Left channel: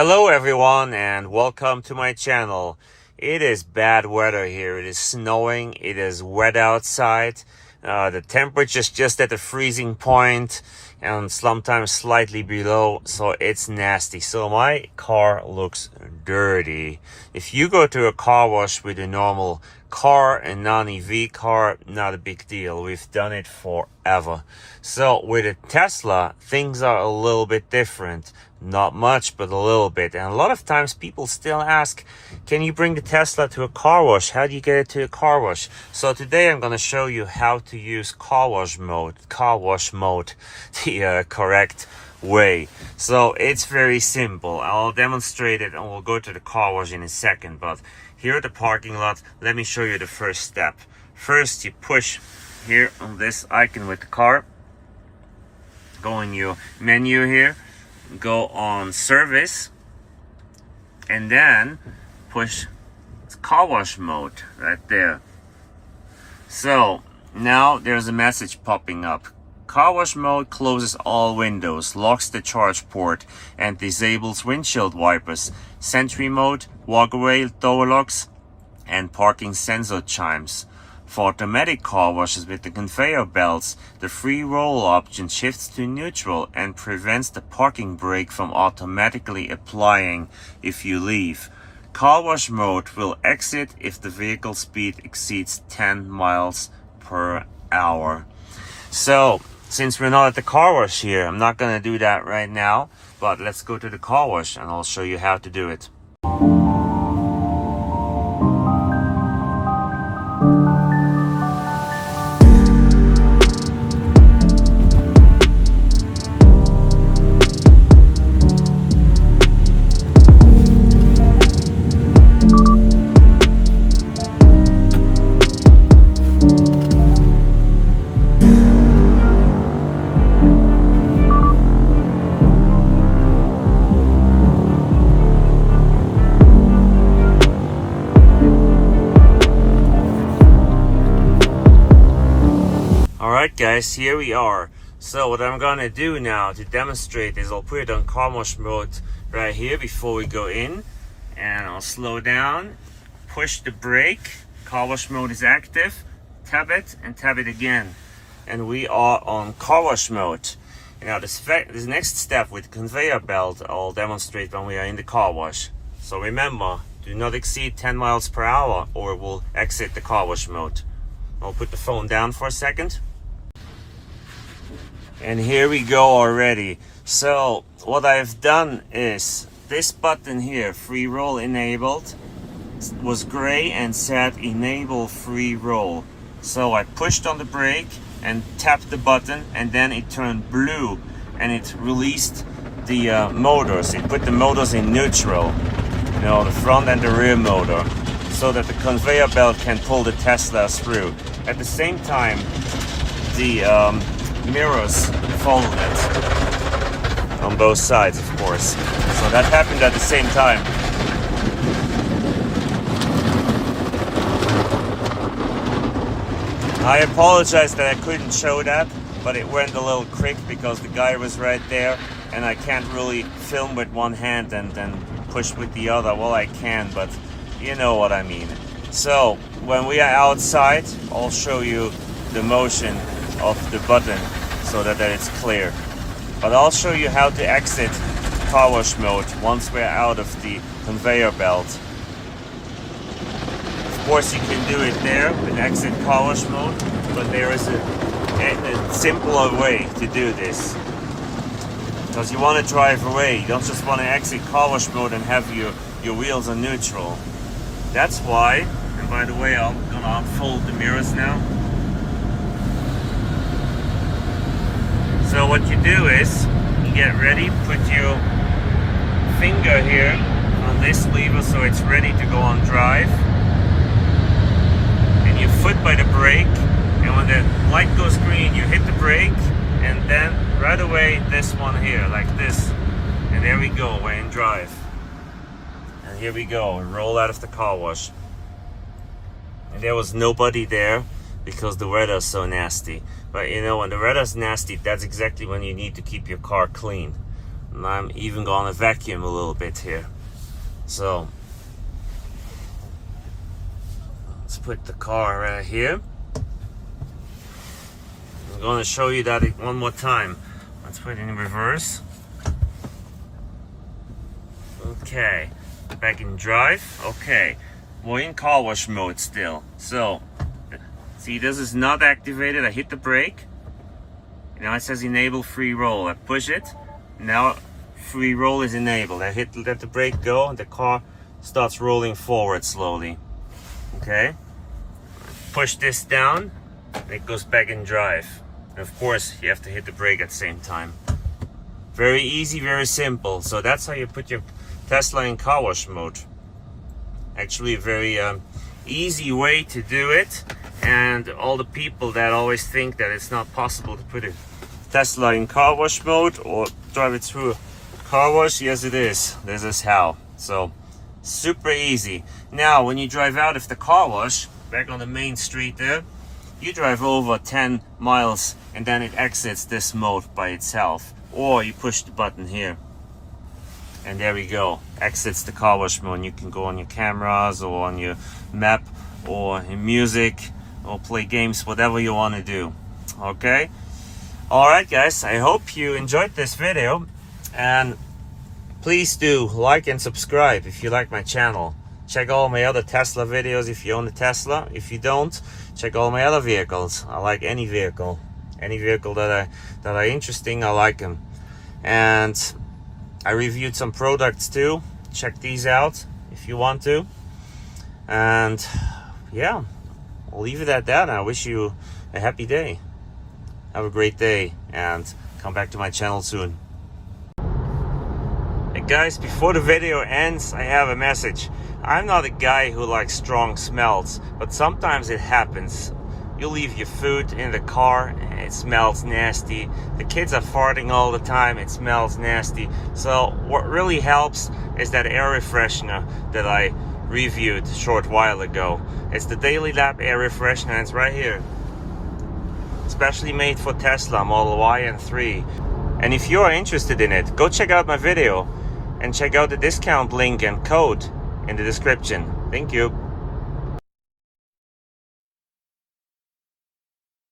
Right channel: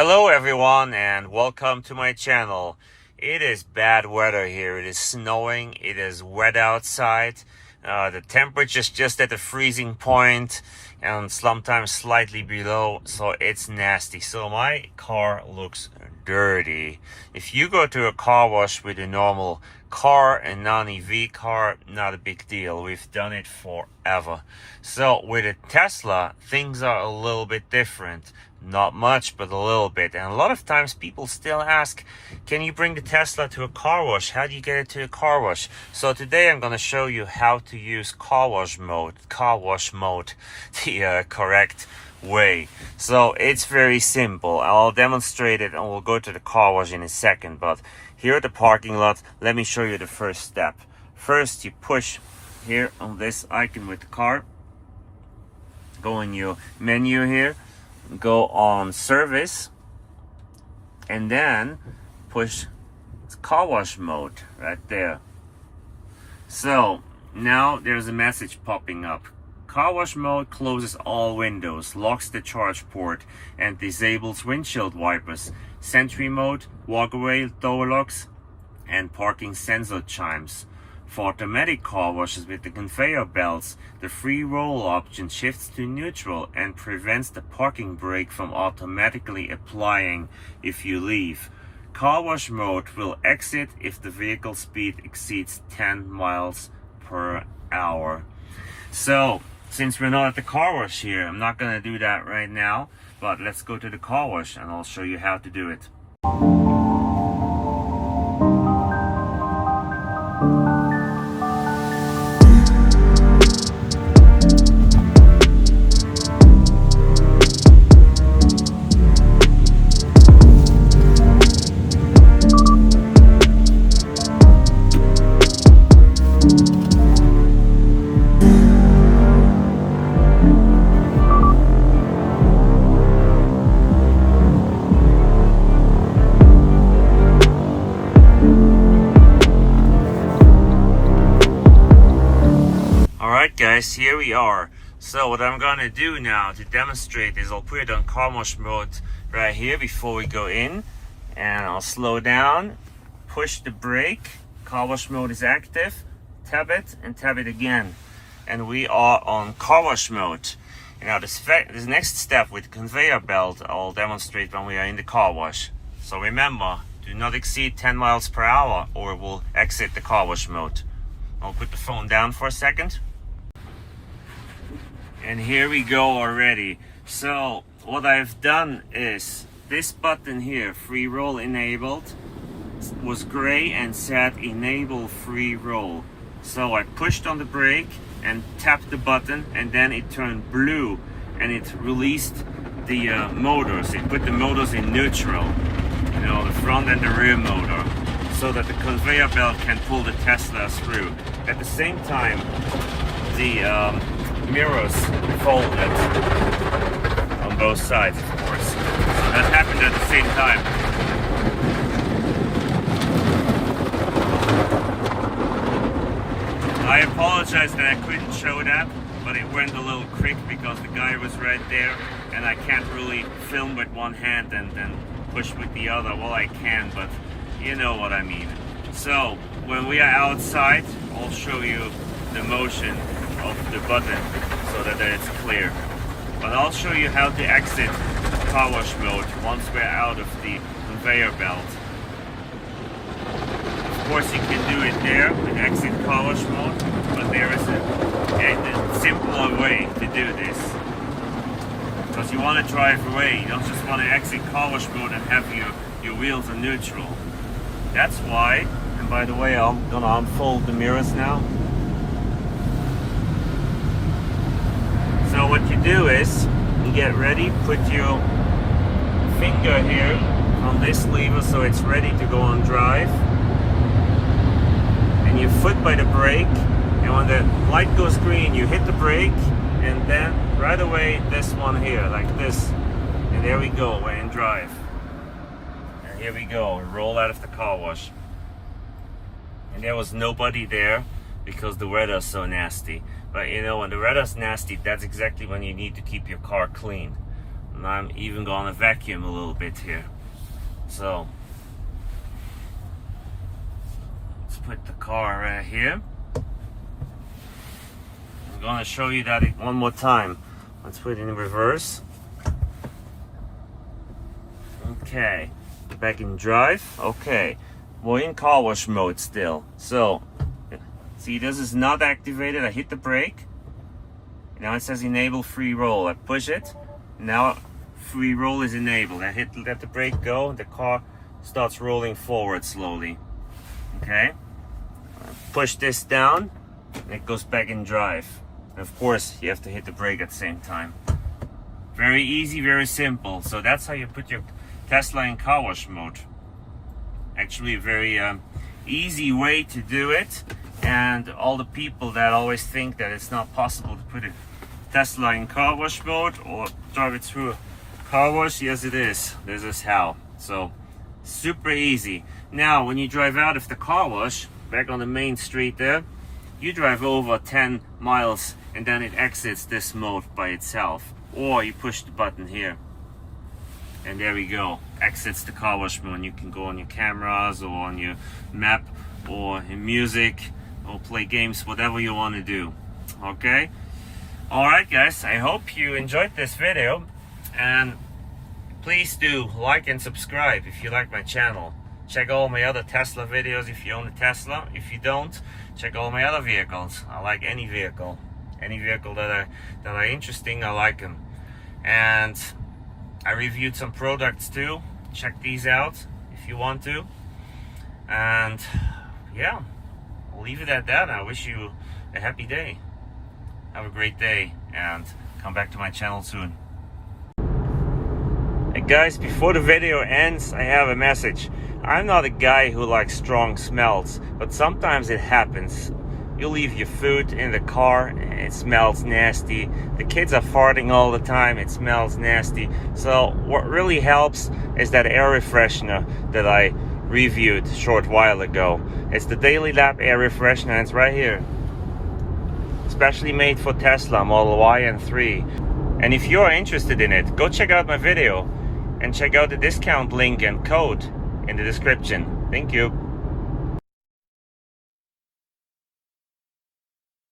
Hello everyone and welcome to my channel. It is bad weather here. It is snowing. It is wet outside. The temperature is just at the freezing point and sometimes slightly below, so it's nasty. So my car looks dirty. If you go to a car wash with a normal car and non-EV car, not a big deal. We've done it forever. So with a Tesla, things are a little bit different. Not much, but a little bit. And a lot of times people still ask, can you bring the Tesla to a car wash? How do you get it to a car wash? So today I'm going to show you how to use car wash mode, the correct way. So it's very simple. I'll demonstrate it and we'll go to the car wash in a second. But here at the parking lot, let me show you the first step. First, you push here on this icon with the car. Go in your menu here. Go on service and then push car wash mode right there. So now there's a message popping up. Car wash mode closes all windows, locks the charge port, and disables windshield wipers. Sentry mode, walkway door locks, and parking sensor chimes. For automatic car washes with the conveyor belts, the free roll option shifts to neutral and prevents the parking brake from automatically applying if you leave. Car wash mode will exit if the vehicle speed exceeds 10 miles per hour. So, since we're not at the car wash here, I'm not going to do that right now, but let's go to the car wash and I'll show you how to do it. Alright guys, here we are. So what I'm gonna do now to demonstrate is I'll put it on car wash mode right here before we go in, and I'll slow down, push the brake, car wash mode is active, tap it and tap it again, and we are on car wash mode. Now this next step with the conveyor belt I'll demonstrate when we are in the car wash. So remember, do not exceed 10 miles per hour or we'll exit the car wash mode. I'll put the phone down for a second. And here we go already. So what I've done is this button here, free roll enabled, was gray and said enable free roll. So I pushed on the brake and tapped the button, and then it turned blue and it released the motors. It put the motors in neutral, you know, the front and the rear motor, so that the conveyor belt can pull the Tesla through. At the same time, the mirrors folded on both sides, of course. So that happened at the same time. I apologize that I couldn't show that, but it went a little quick because the guy was right there and I can't really film with one hand and then push with the other. Well, I can, but you know what I mean. So when we are outside, I'll show you the motion of the button so that it's clear. But I'll show you how to exit car wash mode once we're out of the conveyor belt. Of course you can do it there and exit car wash mode, but there is a simpler way to do this. Because you want to drive away, you don't just want to exit car wash mode and have your wheels on neutral. That's why, and by the way, I'm gonna unfold the mirrors now. So what you do is, you get ready, put your finger here on this lever so it's ready to go on drive. And your foot by the brake, and when the light goes green, you hit the brake, and then right away this one here, like this. And there we go, we're in drive. And here we go, roll out of the car wash. And there was nobody there because the weather's so nasty. But you know, when the weather's nasty, that's exactly when you need to keep your car clean. And I'm even gonna vacuum a little bit here. So let's put the car right here. I'm gonna show you that one more time. Let's put it in reverse. Okay, back in drive. Okay, we're in car wash mode still. So see, this is not activated. I hit the brake. Now it says enable free roll. I push it. Now free roll is enabled. I let the brake go, and the car starts rolling forward slowly. Okay. Push this down, and it goes back in drive. And of course, you have to hit the brake at the same time. Very easy, very simple. So that's how you put your Tesla in car wash mode. Actually, a very easy way to do it. And all the people that always think that it's not possible to put a Tesla in car wash mode or drive it through a car wash, yes it is. This is how. So super easy. Now when you drive out of the car wash, back on the main street there, you drive over 10 miles and then it exits this mode by itself. Or you push the button here. And there we go, exits the car wash mode. You can go on your cameras or on your map or in music or play games, whatever you want to do. Okay? Alright guys, I hope you enjoyed this video, and please do like and subscribe if you like my channel. Check all my other Tesla videos if you own a Tesla. If you don't, check all my other vehicles. I like any vehicle. Any vehicle that are interesting, I like them. And I reviewed some products too. Check these out if you want to. And yeah, I'll leave it at that. I wish you a happy day. Have a great day and come back to my channel soon. Hey guys, before the video ends, I have a message. I'm not a guy who likes strong smells, but sometimes it happens. You leave your food in the car, it smells nasty. The kids are farting all the time, it smells nasty. So what really helps is that air refreshener that I reviewed a short while ago. It's the Daily Lab air refreshener, and it's right here. Especially made for Tesla Model Y and 3. And if you are interested in it, go check out my video and check out the discount link and code in the description. Thank you.